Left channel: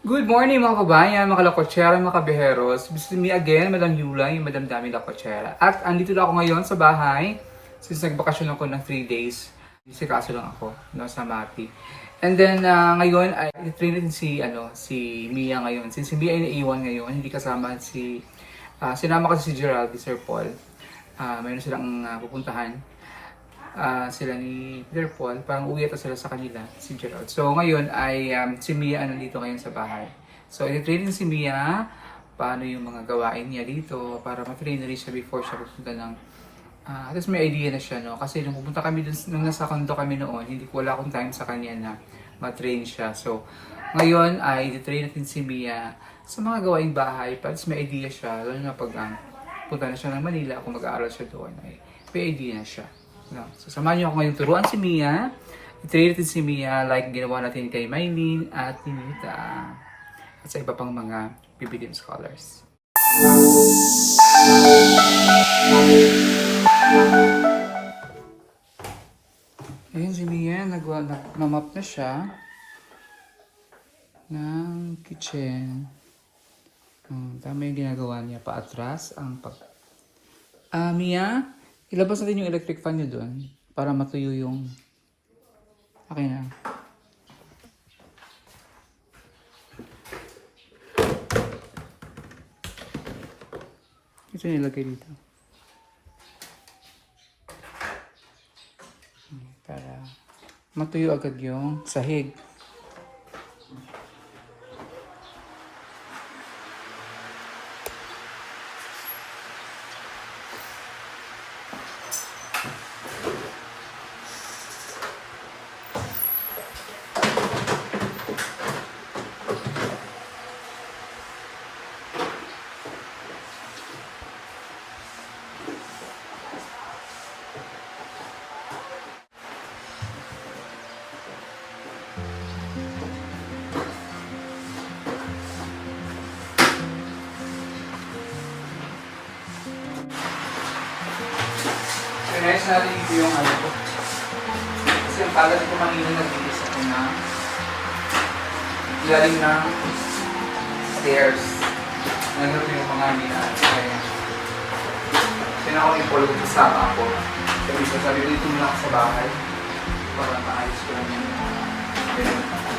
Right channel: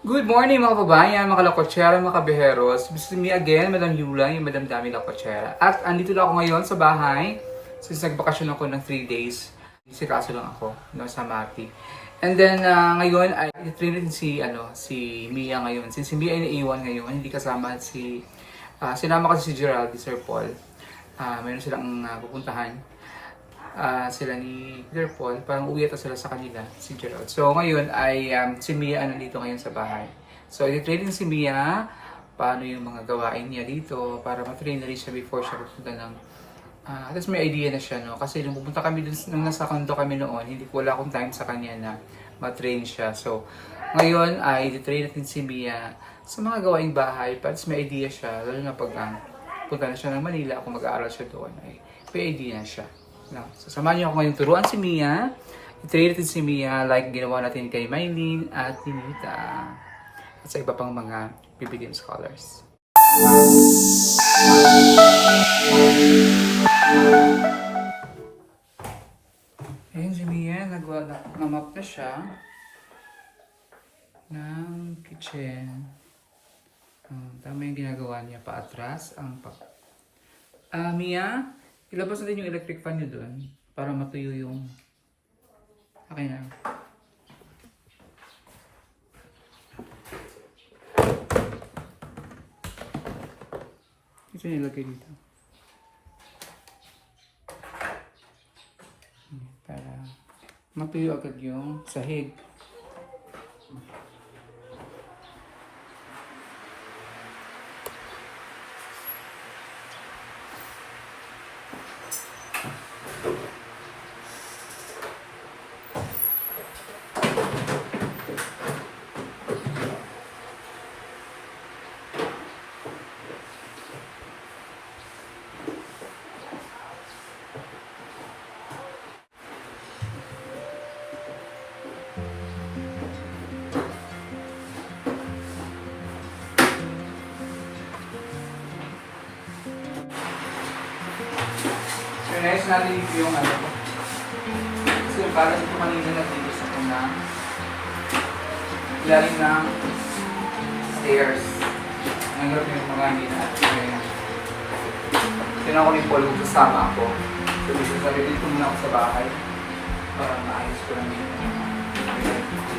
Good morning mga kabayan, mga kalakotsera, mga kabeheros. This is me again, Madam Yula, yung Madam Dami Lakotsera. At andito na ako ngayon sa bahay since nagbakasyon ako ng 3 days. Sikaso lang ako no, sa MAPI. And then ngayon ay train si Mia ngayon. Since si Mia ay naiwan ngayon, hindi kasama sinama kasi si Gerald, si Sir Paul. Mayroon silang pupuntahan. Sila ni Peter Paul, parang uwi ata sila sa kanila, si Gerald. So ngayon ay si Mia nandito ngayon sa bahay. So i-train si Mia paano yung mga gawain niya dito para ma-train na rin siya before siya pupunta ng at least may idea na siya, no? Kasi nung pupunta kami dun, nung nasa condo kami noon, wala akong time sa kanya na ma-train siya. So ngayon ay i-train natin si Mia sa mga gawaing bahay para may idea siya, lalo na pag punta na siya ng Manila, kung mag-aaral siya doon, ay may idea na siya. No. So, samahan niyo ako ngayong turuan si Mia. I-train natin si Mia like ginawa natin kay Mylene at Ninita. At sa iba pang mga PBDM scholars. Ayun si Mia, nag-map na siya ng kitchen. Tama yung ginagawa niya. Paatras ang Mia, ilabas natin yung electric fan nyo doon para matuyo yung... Okay na. Ito nilagay dito. Para matuyo agad yung sahig. Guys, natin dito yung kasi yung pala dito kanina nag-iis ako na galing ng stairs. Nandito yung mga hindi natin. Sino ako yung polo kasama ako. Sabi dito muna ako sa bahay para maayos ko lang yung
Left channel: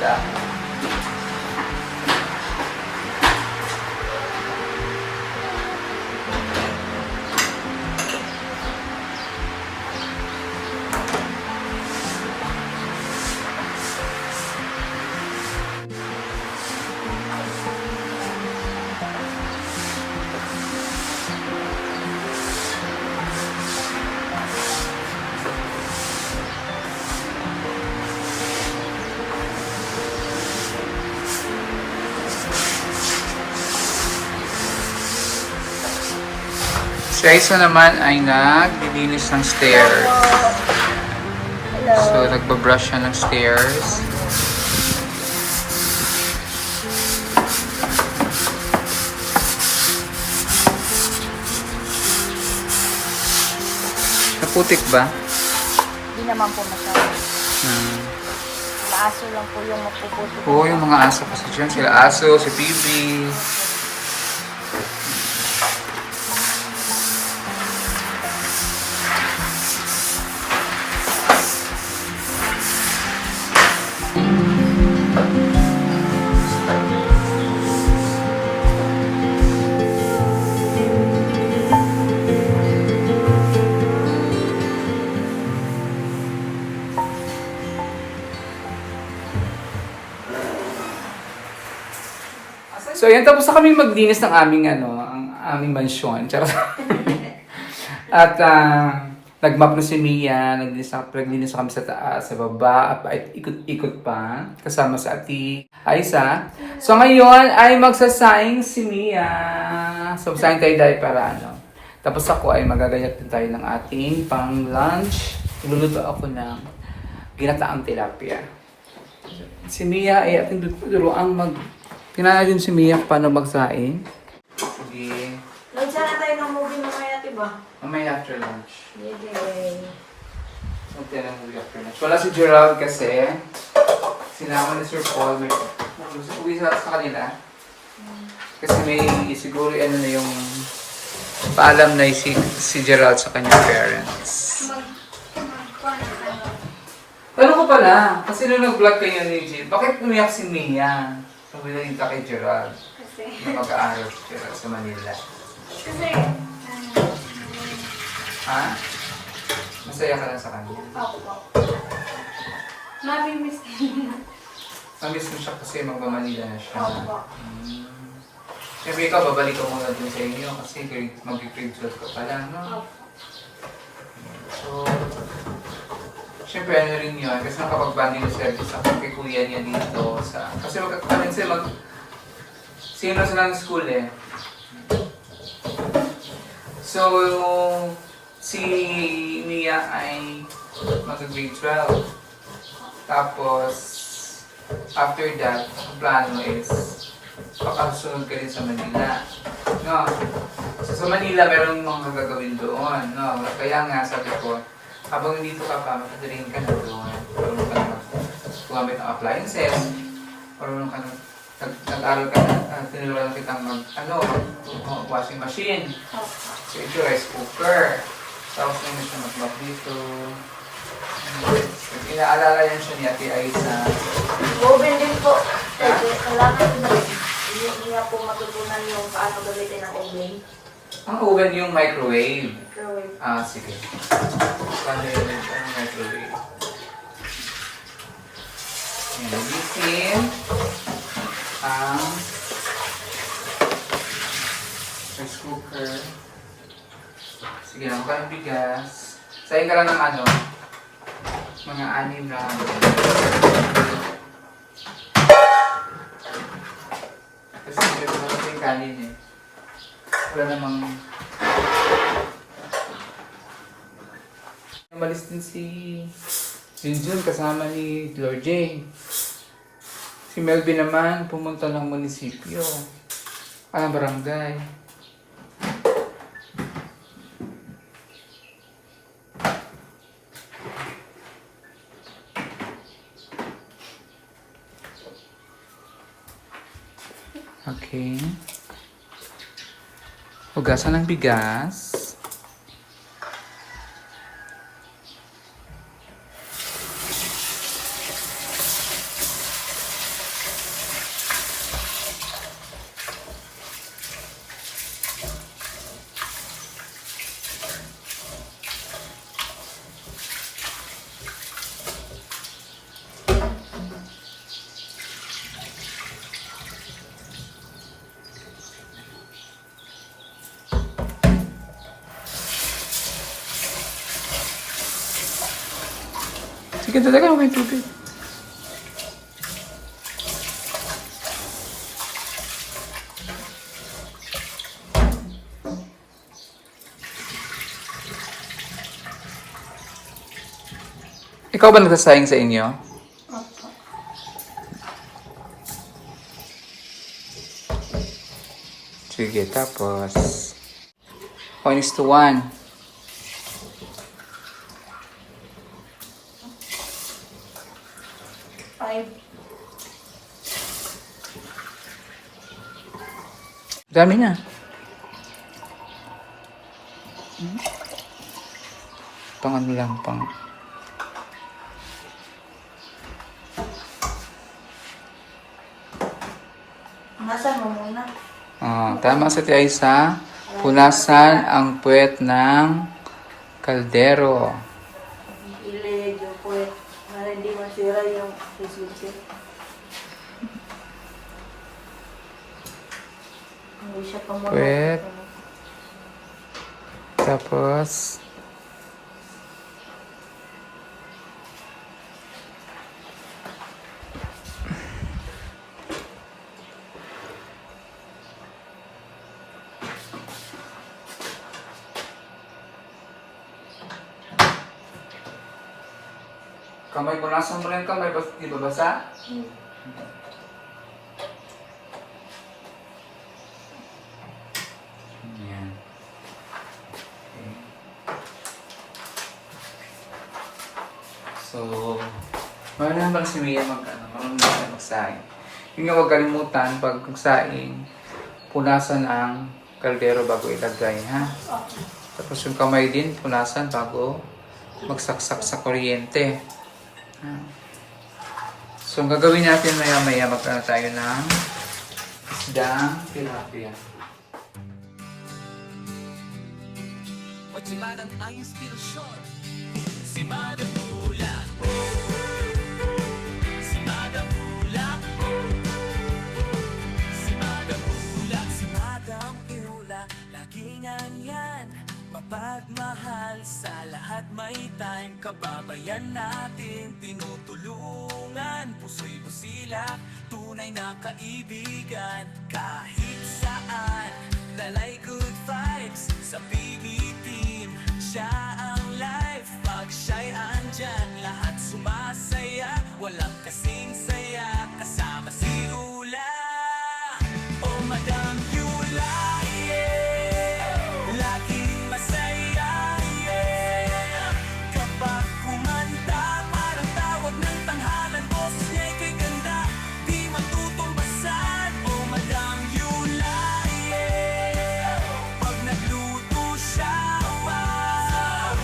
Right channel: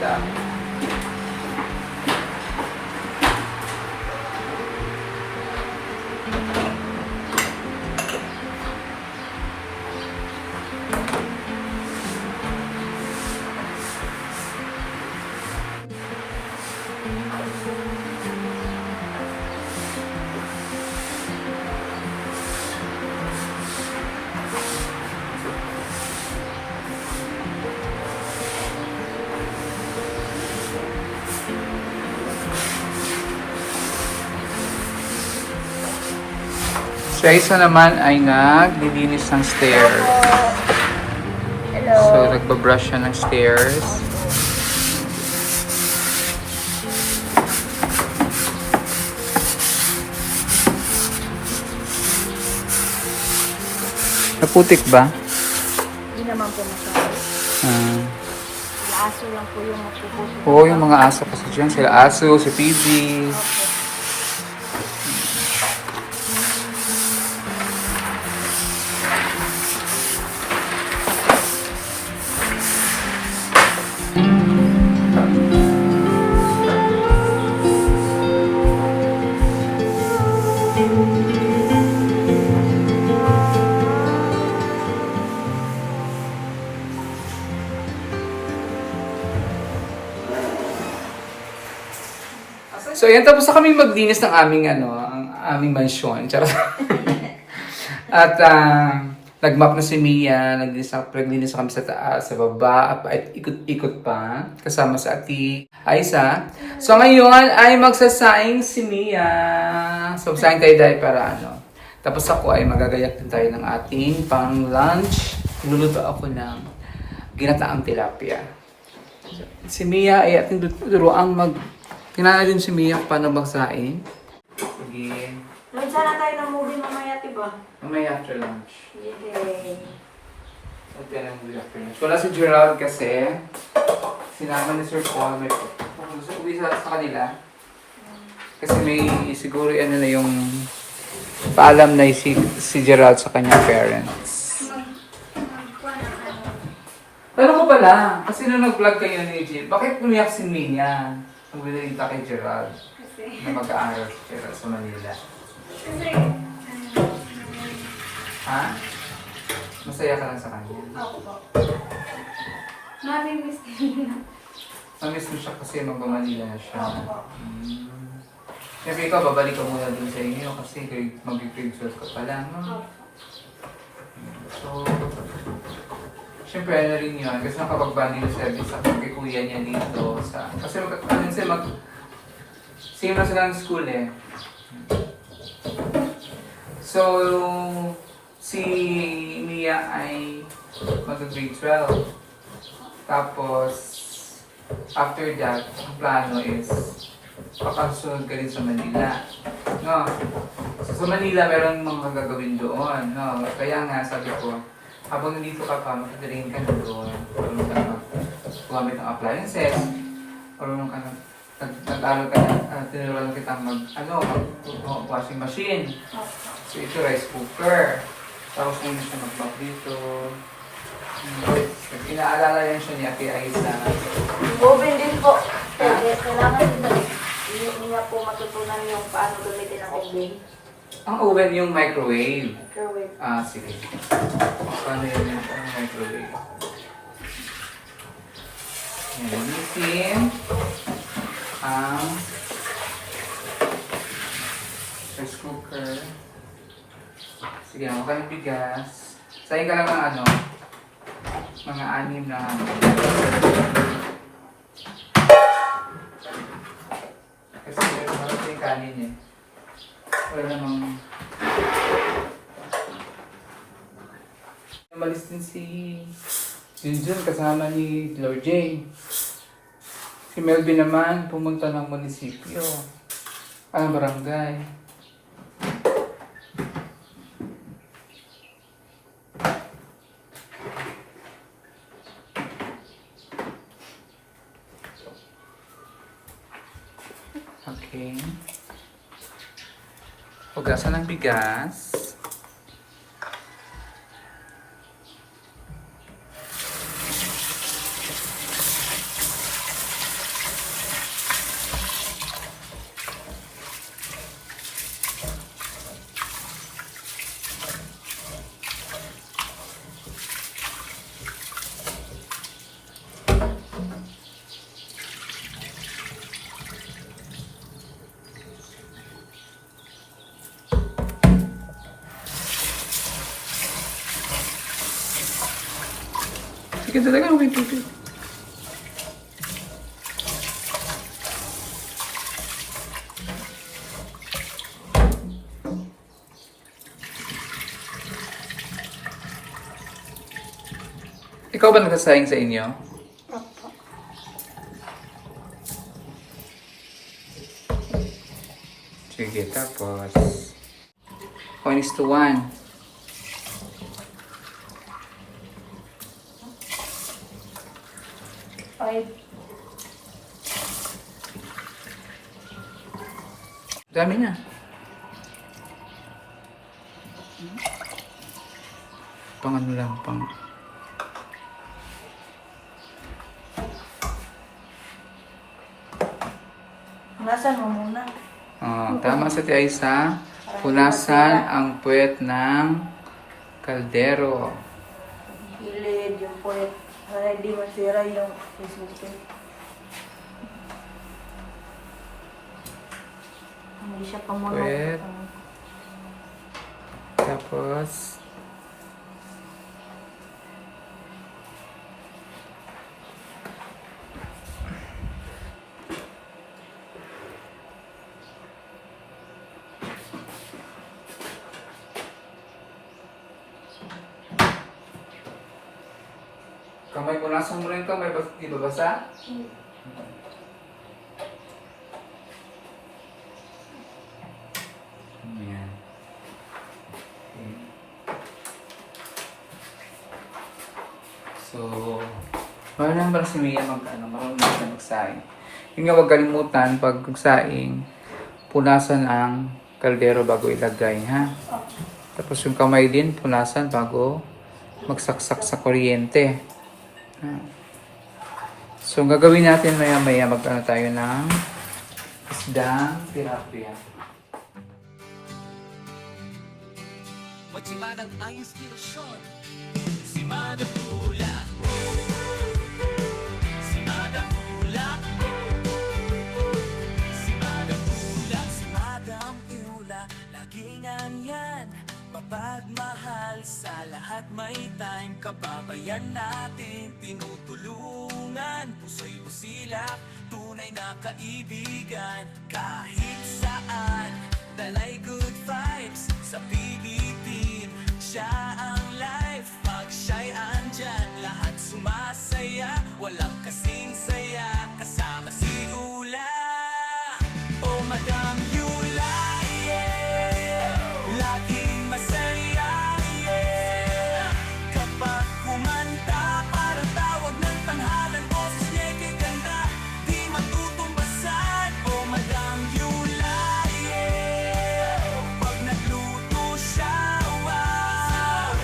daan. Si Aiza naman ay naglilinis ng stairs. Hello. So, nagbabrush siya ng stairs. Naputik ba? Hindi naman po masyado. Aso lang po yung mapupuso. Oo, yung mga aso kasi dyan. Sila aso, si PB. So, ayan, tapos na kaming maglinis ng ang aming mansyon. Charot. At nag-map na si Mia, naglinis na kami sa taas, sa baba, at ikot-ikot pa, kasama sa ati Aiza. So, ngayon ay magsasaing si Mia. So, saing tayo dahil para Tapos ako ay magagayak din tayo ng ating pang lunch. Luluto ako ng ginataang tilapia. Si Mia ay ating turuang Tinanong din si Mia paano magsaing. Sige. Nagsara tayo ng movie mamaya, diba? Mamaya after lunch. Sige. Magtiyan ng movie after lunch. Wala si Gerald kasi sinama ni Sir Paul. Uwi sa kanila. Kasi may siguro ano na yung paalam na si Gerald sa kanyang parents. Tanong ko pala, kasi nung nag-vlog kayo ni Jill, bakit umiyak si Mia nung binalita kay Gerald Kasi, na mag-aaral si Gerald sa Manila? kasi, Ha? Masaya ka lang sa kanya? ako po. Mami-miss ka na. Mamiss mo siya kasi magpa-Manila na siya. Opo. Siyempre ikaw, babalik ka muna dun sa inyo kasi mag-grade 12 ka pa lang, no? Opo. So, siyempre ano rin yun, kasi nakapag-banding service ako kay kuya niya dito. Kasi sino sila ng school eh. So, si Mia ay mag-grade 12. Tapos, after that, ang plano is pakasunod ka rin sa Manila. No? So, sa Manila, meron mga gagawin doon. No? Kaya nga, sabi ko, habang nandito ka pa, magkakaroon ka na doon. Marunong ka na gumamit ng appliances. Marunong ka na, nag-aaral ka na, tinuruan kitang washing machine. So, ito, rice cooker. Tapos ngayon siya mag-vlog dito. Inaalala yan siya ni Ate Aiza. Oven din po. Kasi kailangan hindi nga po matutunan yung paano gamitin ang oven. Ang oven yung microwave. Microwave. Ah, sige. Paano yun ang microwave? Nalisin ang rice cooker. Sige, ako ka ng bigas. Sayin ka lang ng ano, mga 6 na ano. Kasi marami yung kanin eh. Wala namang... Umalis din si Junjun kasama ni Lord J. Si Melvin naman pumunta ng munisipyo. Barangay. Okay. Hugasan ng bigas. Sige, talaga may tubig. Ikaw ba nagsasayang sa inyo? Opo. Sige, tapos... 1:1. Dami na. Pang ano lang, pang... Nasaan mo muna? Tama sa Ate Aiza. Punasan ang puwet ng kaldero. Ilid yung po yung para hindi masira yung susi. Hindi siya pang Puwet. Tapos... Kamay, punasan mo na yung kamay, di ba basa? Ayan. Okay. So, wala naman si Mia marunong na magsahin. Yung nga, huwag kalimutan pag saing, punasan ang kaldero bago ilagay, ha? Opo. Tapos yung kamay din, punasan bago magsaksak sa kuryente. Yan. So, ang gagawin natin mamaya, magkano tayo ng isdang tilapia. Magsimanang ang inspirasyon. Si Madam Ula. Si Madam Ula. Si Madam Ula. Si Madam Ula. Laging andyan. Mapagmahal sa lahat, may time. Kababayan natin tinutulungan. Puso'y busilak, tunay na kaibigan. Kahit saan, dalay good vibes sa PB team. Siya ang life, pag siya'y andyan. Lahat sumasaya, walang kasing saya. Kasama si Ula, oh Madam Yula, yeah. Laging masaya, yeah. Kapag kumanta, parang tawag ng tanghalan. Boses niya'y kay ganda, di matutumbasan. Oh Madam Yula, yeah. Pag nagluto siya, wow.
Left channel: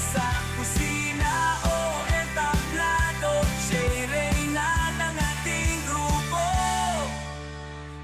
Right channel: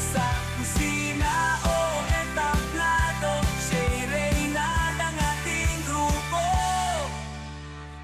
Sa kusina o entablado, siya'y reyna ng ating grupo.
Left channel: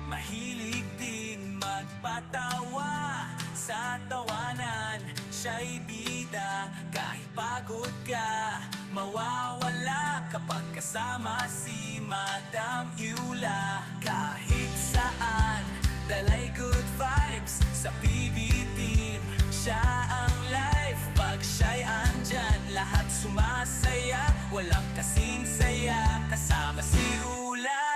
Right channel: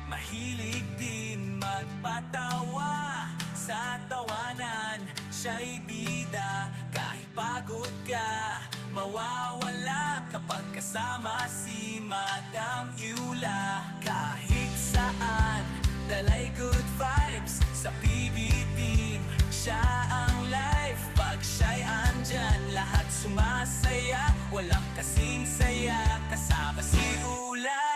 Mahilig din magpatawa, sa tawanan siya'y bida. Kahit pagod ka, mawawala kapag kasama si Madam Yula. Kahit saan, dalay good vibes sa PB team. Siya ang life, pag siya'y andyan. Lahat sumasaya, walang kasing saya. Kasama si Ula,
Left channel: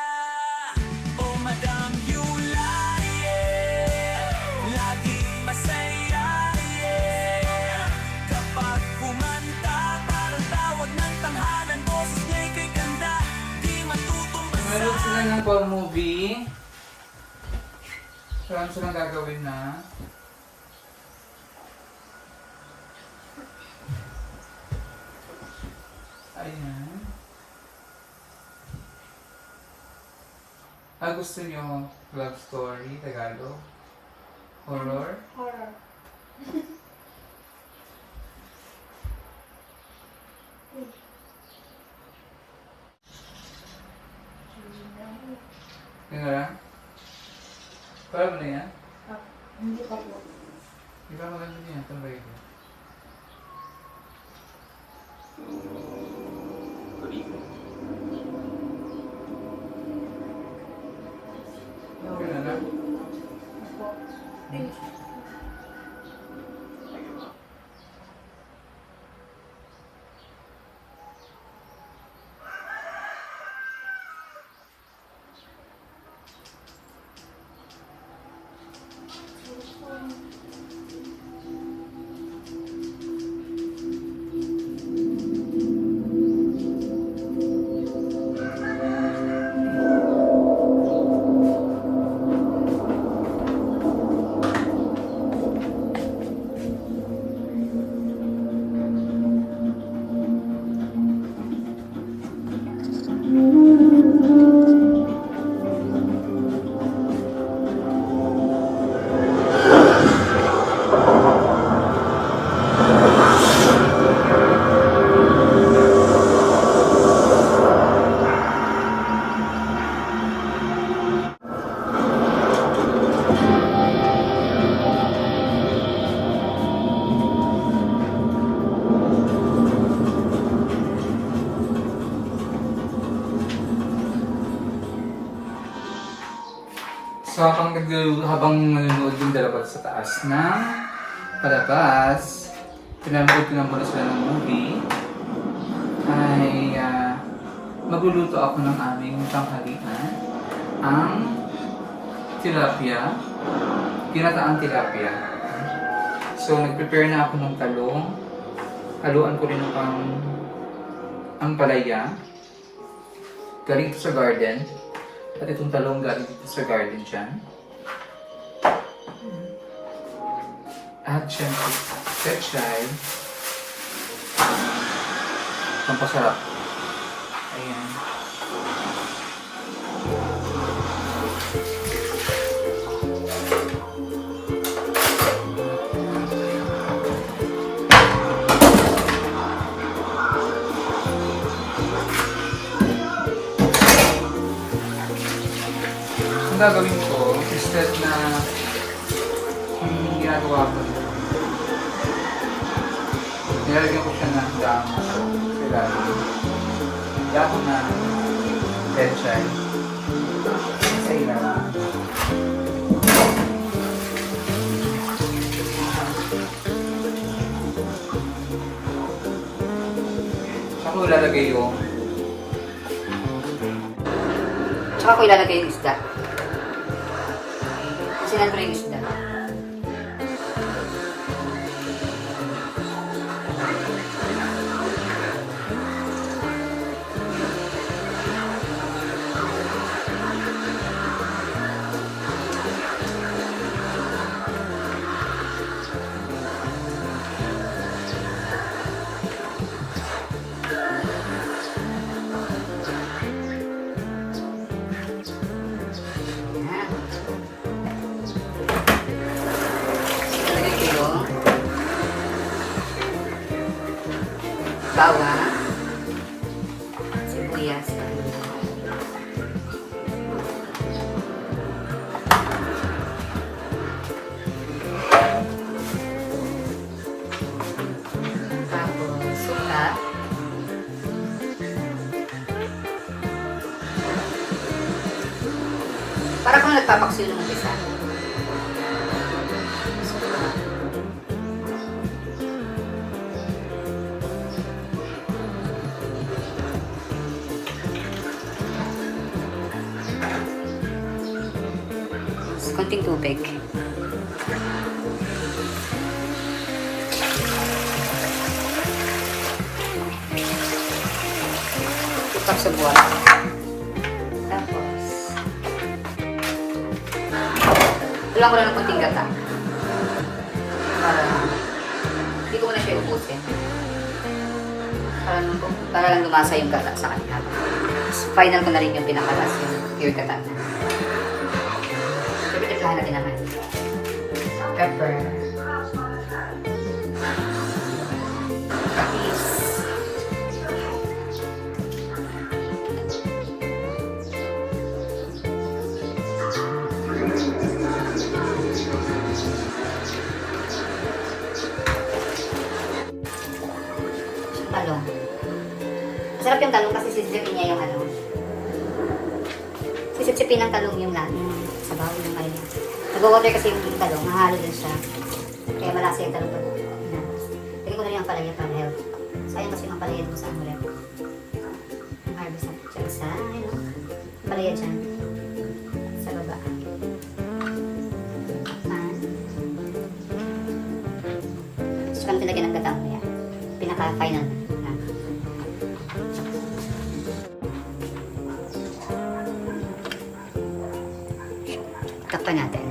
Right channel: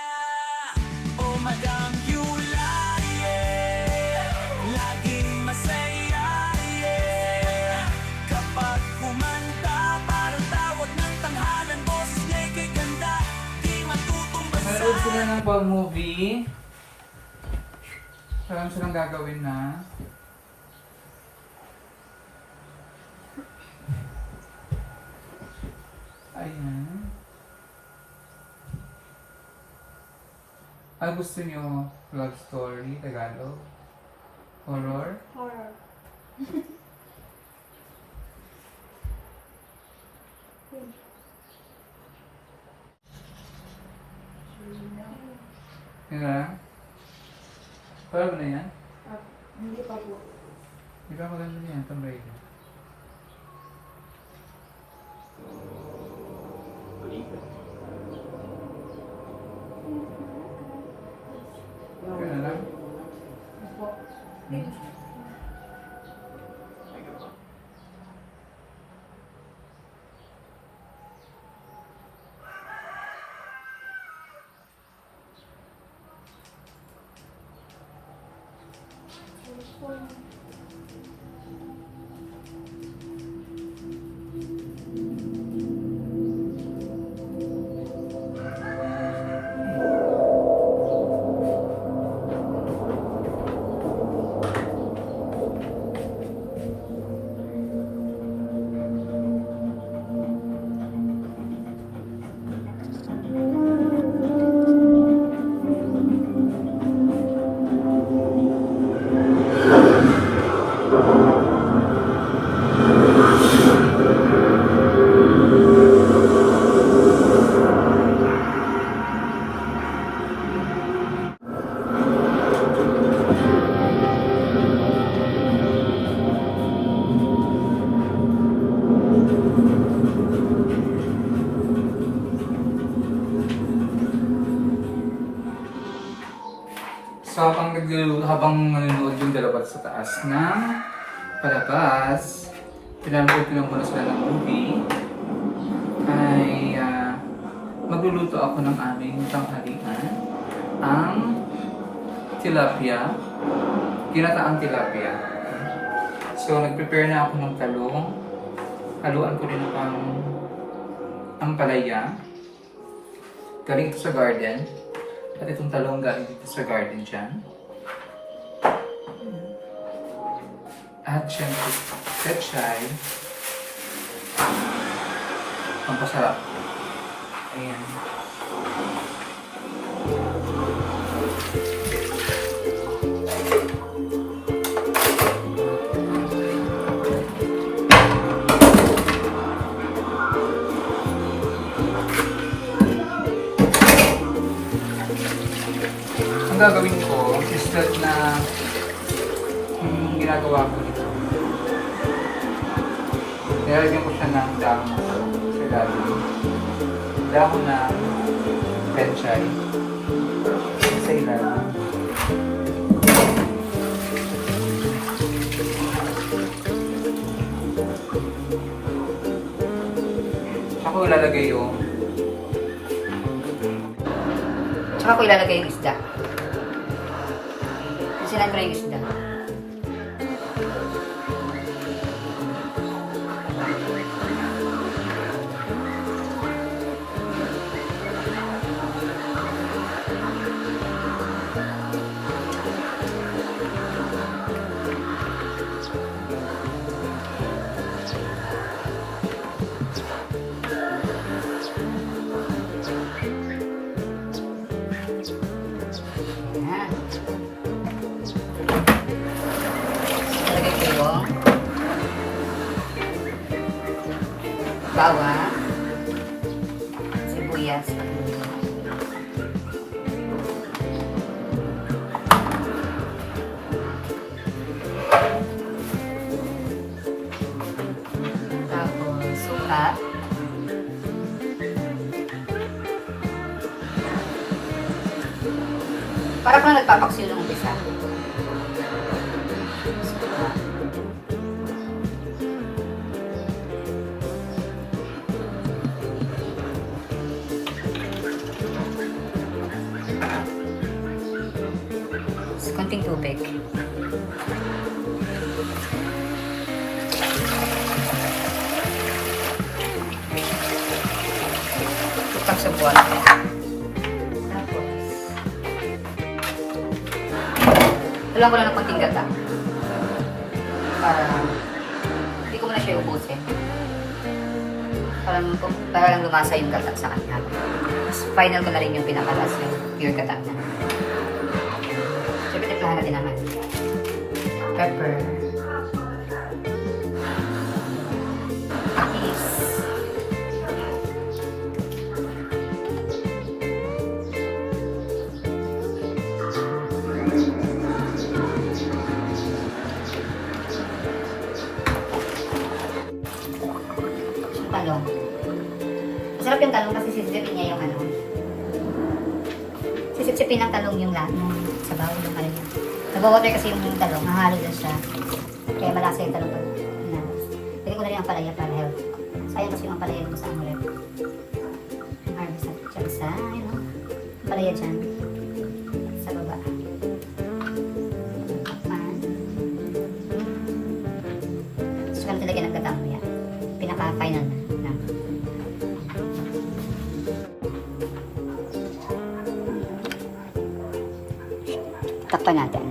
oh Madam Yula, yeah. Laging masaya, yeah. Kapag kumanta, parang tawag ng tanghalan. Boses niya'y kay ganda, di matutumbasan. Nanood sila ng Paul movie. So, ano silang gagawin na? Ayan. Ah, gusto nyo love story, Tagalog? Horror? Horror. Yan na lang? Parang na yan? Hindi pa po. Di ba maganda niya? Itong rider. Okay na lang? Opo. Hmm? So habang nanonood yung dalawa sa taas ng palabas, pinanood ko na muna sila ng movie, ay magluluto ako ng aming tanghalian. Ang tilapia, ginataang tilapia. So nag-prepare na ako ng talong, haluan ko rin ang ampalaya. Galing ito sa garden. At itong talong galing dito sa garden dyan. At syempre, pechay. Pampasarap. Ayan. gagawin ko, instead na ginagawa ko, nilalagyan ko siya ng dahon sa ilalim. Dahon na penchay sa ilalim. Tsaka ko ilalagay yung Tsaka ko ilalagay yung isda. Sinandro yung isda. Bawang, sibuyas, tapos suka, para kang nagpapaksiyo ng umpisa. Konting tubig. Tutak sa buwan. Tapos, alam ko lang ng konting gata. Hindi ko muna siya ubusin. Para lang lumasa yung gata sa kanya. Final ko na rin yung pinakalas, yung pure gata na. Lahat natin naman. Pepper. Patis. Talong. Masarap yung talong kasi sisipin niya yung ano. Sisipin ng talong yung sabaw yung ano niya. Nag-water kasi yung talong, nahalo dyan siya. Kaya malasa yung talong. Pili ko na rin ang palaya para health. Sayang kasi yung palaya dun sa amuret. Harvest at dyan sa, ayun o. Palaya dyan. Sa baba. So kami tilagyan ng gata mo yan. Pinaka-final na. Takpan natin.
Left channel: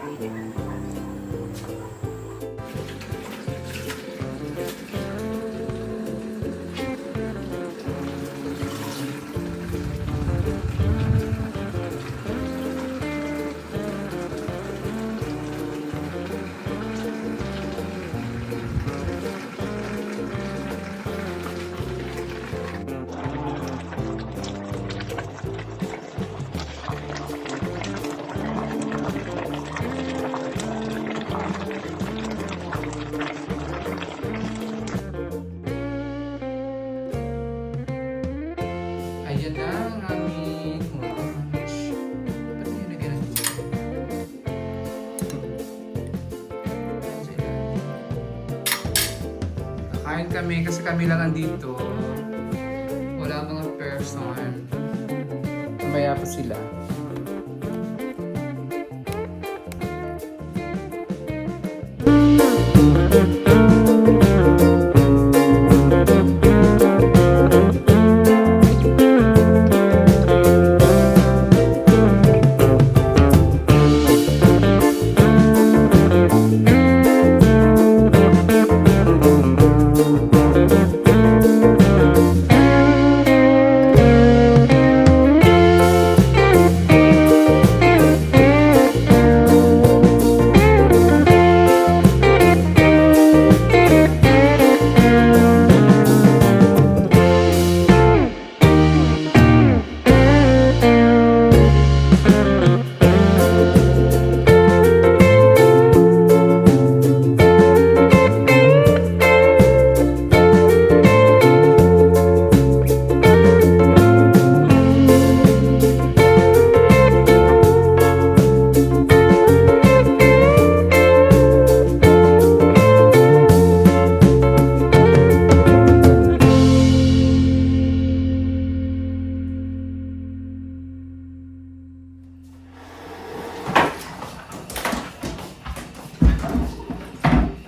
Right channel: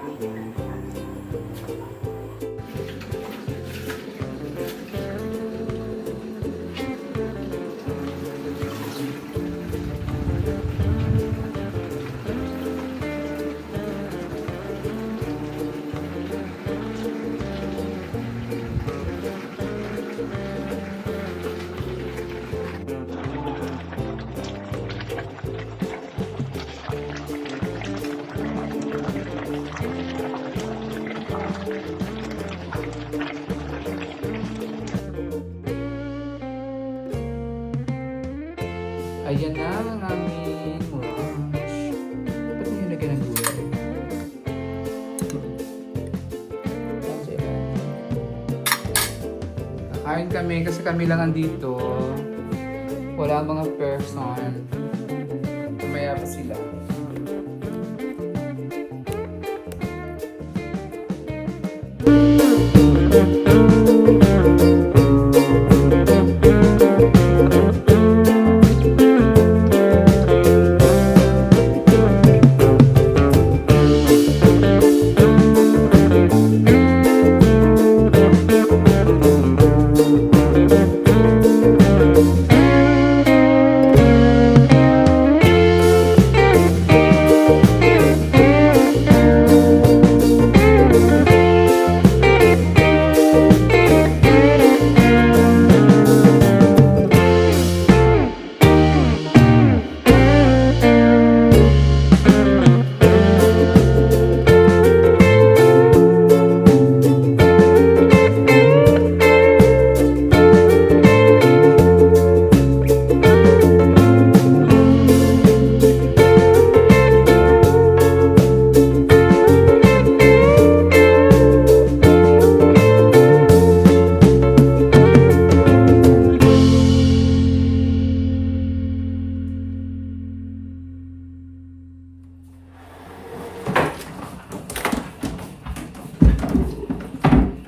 Ayan na ang aming lunch. Ba't hindi nilagyan ng gulay? Kakain kami kasi kami lang andito. Wala mga person. Kumaya sila.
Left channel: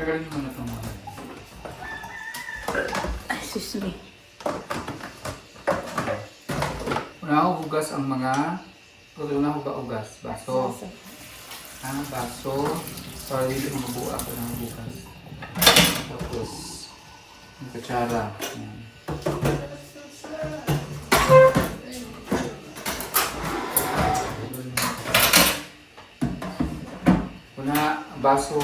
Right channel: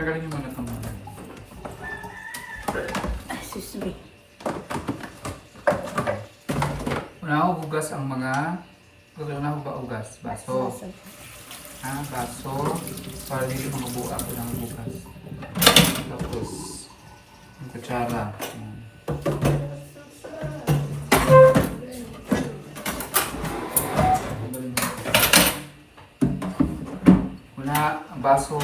Tagalin mo na ito muna. Excuse me. Una ako hugas ang mga... Una ako ba hugas? Baso. Baso. Para dito mabuo ako ng hugas. Tapos, ang kutsara. Ayan. Una, baso.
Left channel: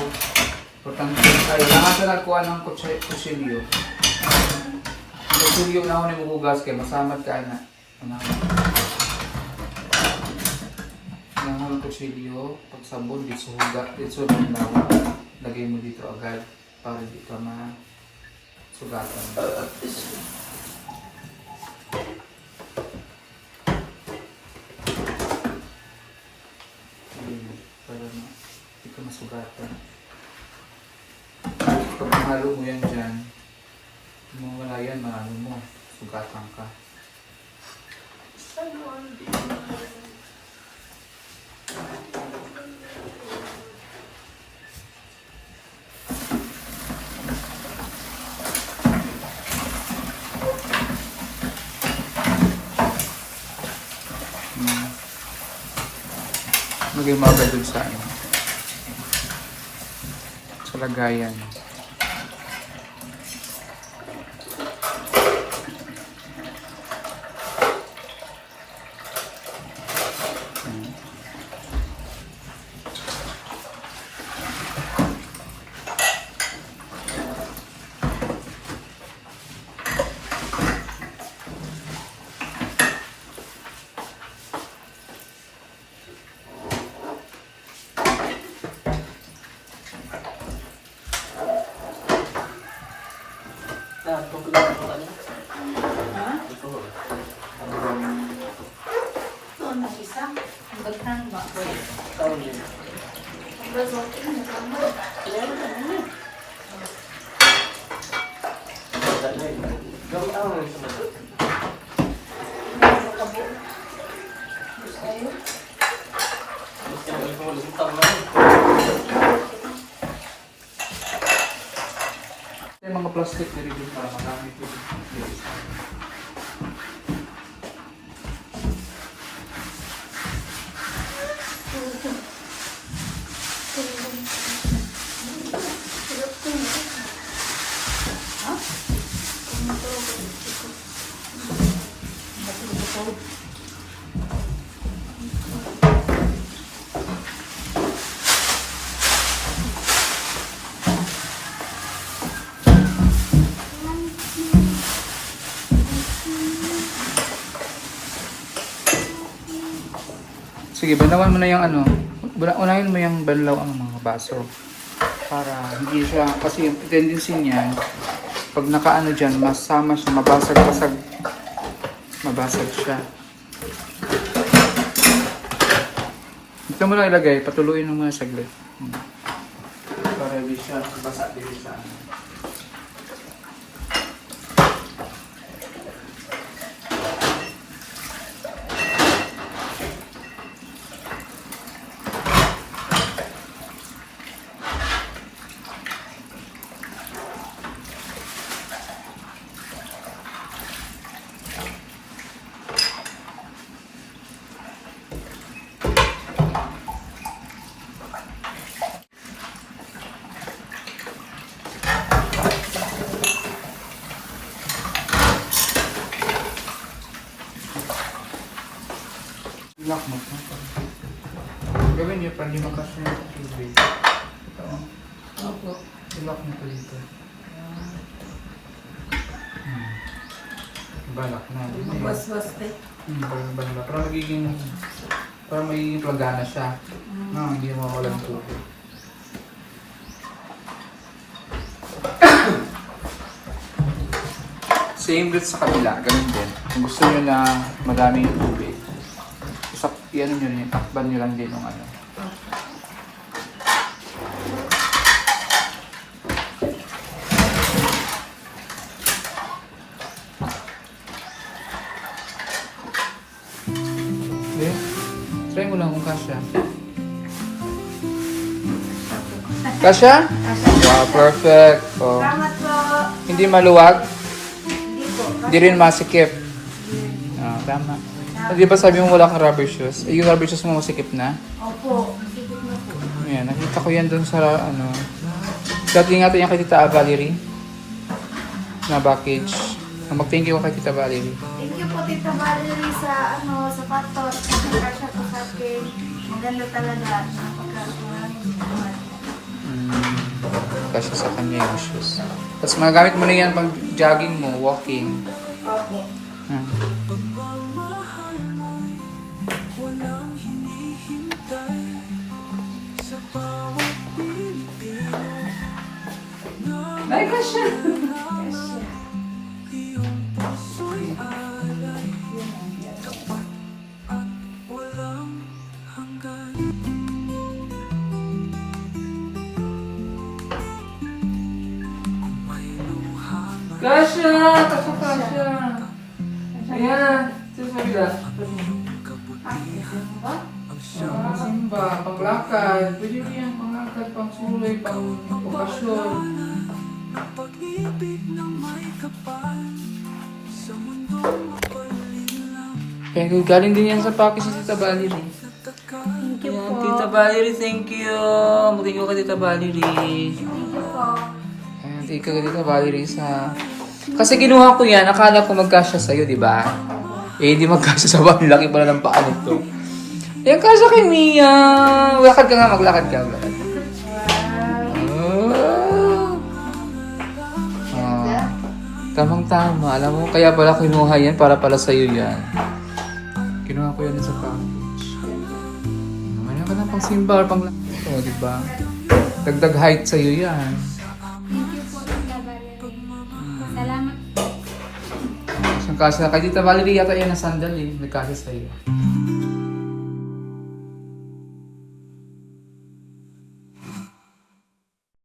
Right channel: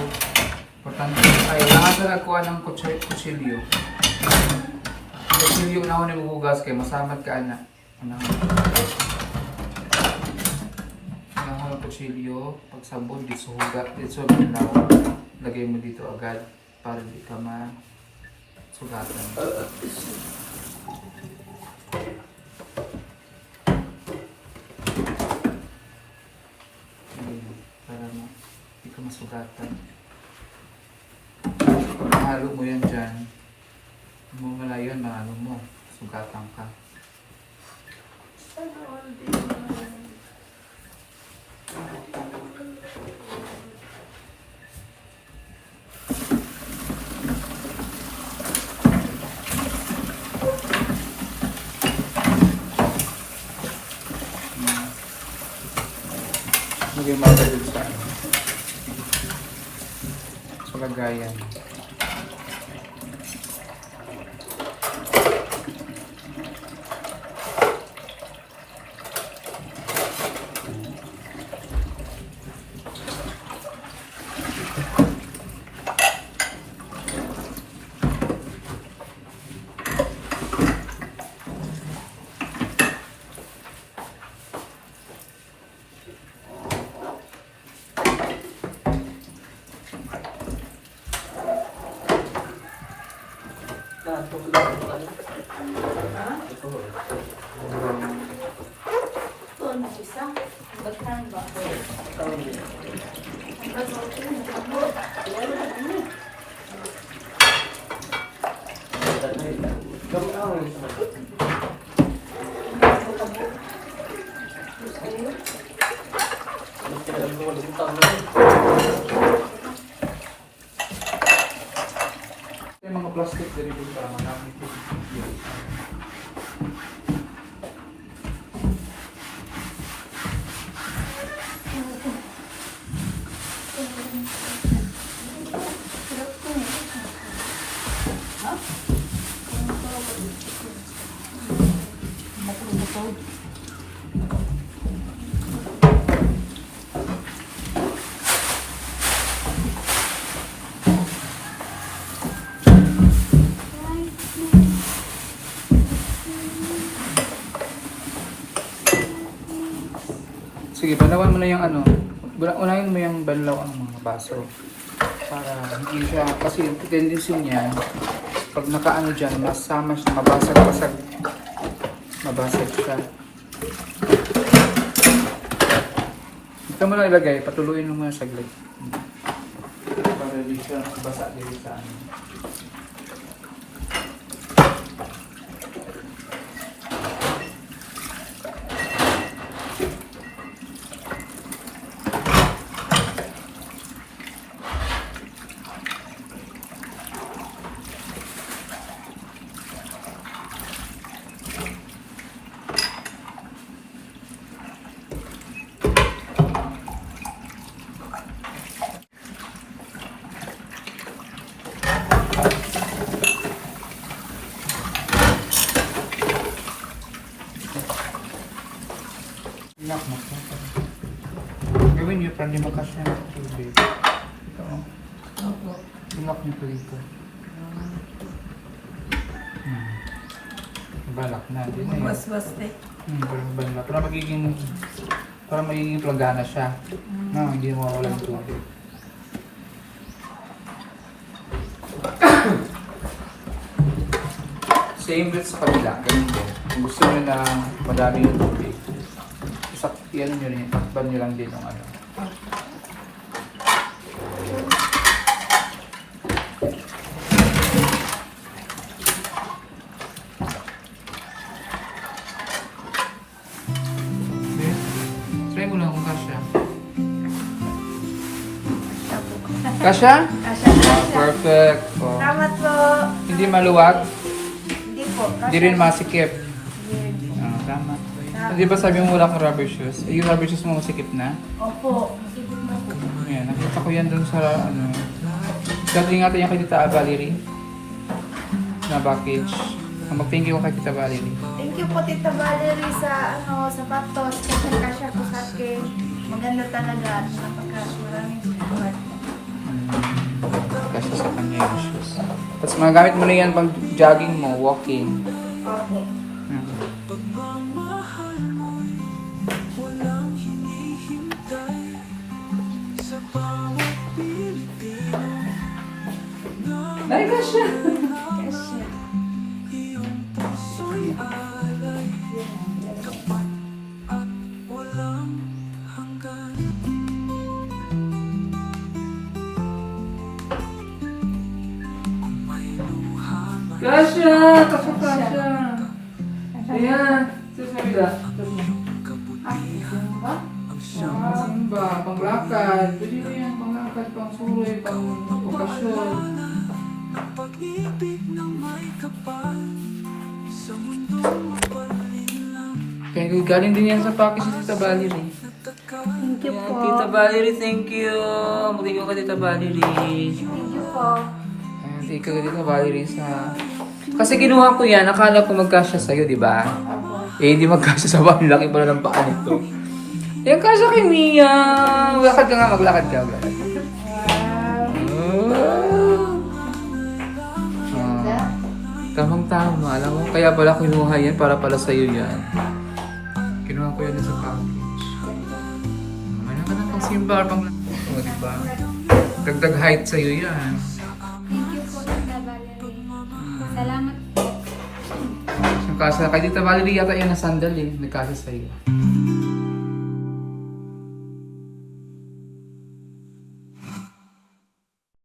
Importante. Ay, nakasa nagkuha ng kutsilyo. Ang kutsilyo na ako na magugas kayo. Masamad ka, anak. Ang kutsilyo, pag sabon, dito ng lawa, lagay mo dito agad para di ka masugatan. Para di ka masugatan. Pag mahalo mo yan dyan, mawala yan, mahalo mo, sugatan ka. Maging magandang sa inyo. Sa lagayan. Doon na isa. Bagtan ba? Yung mga plastic na rin para makamit ito. Sige, banawan mo na yung ano. Unahin mo yung banlaw ang baso. Para hindi siya, kasi yung tendency niya, pag nakaano dyan, masama siya, mabasag siya. Hindi ka mo na ilagay, patuluin mo muna saglit. Para hindi siya basa dito sa ano. Lock mo. Gawin niyo para hindi makasya yung tubig. Ito. Opo. Lock niyo po dito. Balak na. Waswas tayo. Balak. Para magiging plagana siya. No, hindi mo mawalan ng tubig. Same din sa kabila. Ganun din. Kung gusto niyo na madami yung tubig, yan nyo rin, takban nyo lang din yung ano. Okay. Try mo lang kung kasya. Kasya? Kasya. Wow, perfect. Oh. Salamat po. Hindi maluwag, Hindi po. hindi rin masikip. Ah, tama. Di ba sabi mo wala kang rubber shoes? Eh, yung rubber shoes mo masikip na? Opo. Nakikip na po. Ayan, nakita ko yan dun sa ano. Dating natin yan kay Tita Valerie. Na package. Mag-thank you kay Tita Valerie. Thank you po Tita Valerie sa sapatos. Kasi kasya po sa akin. Maganda talaga. Maraming salamat. Kasi sa kanya yung shoes. Tapos magagamit mo na yan pag jogging mo, walking. Opo. Hmm. Pagmamahal mo'y walang hinihintay sa bawat Pilipino. Like siya. Iyong puso'y alay, tapat at walang hanggan. Kung may luha man Kasha! Kasha! Ayan. Sasabila. kabutihan ang siyang Simba, panglakad. Pwede ko yung panglakad, pangsuloy, pang-okasyon. ng pag-ibig na may kapal sa mundong mapalinlang Pero galing din yan sa package ni Tita Valerie. Thank you po. Tita Valerie, thank you. Mag-thank you kay Tita Valerie. Thank you po. Ayan, thank you kay Tita Valerie sa... Kasi kinuha ko yan, akala ko magkasya sa'yo, di ba? Eh, hindi magkasya sa bahay. Laki pala ng paa nito. Yan, kasya kay Mia. Maglakad ka nga, maglakad ka. Maglakad. Ah, tamang-tama. Alam mo, kaya pala kinuha yan para pala sa'yo yan. Kinuha ko yan sa package. Ano ka na pang simba, pang... Oh, di ba? Dagdag height sa'yo yan. Thank you po, Tita Valerie. Salamat po. Yung kasa, kay Tita Valerie yata yan na sandal eh. Nagkasa sa'yo.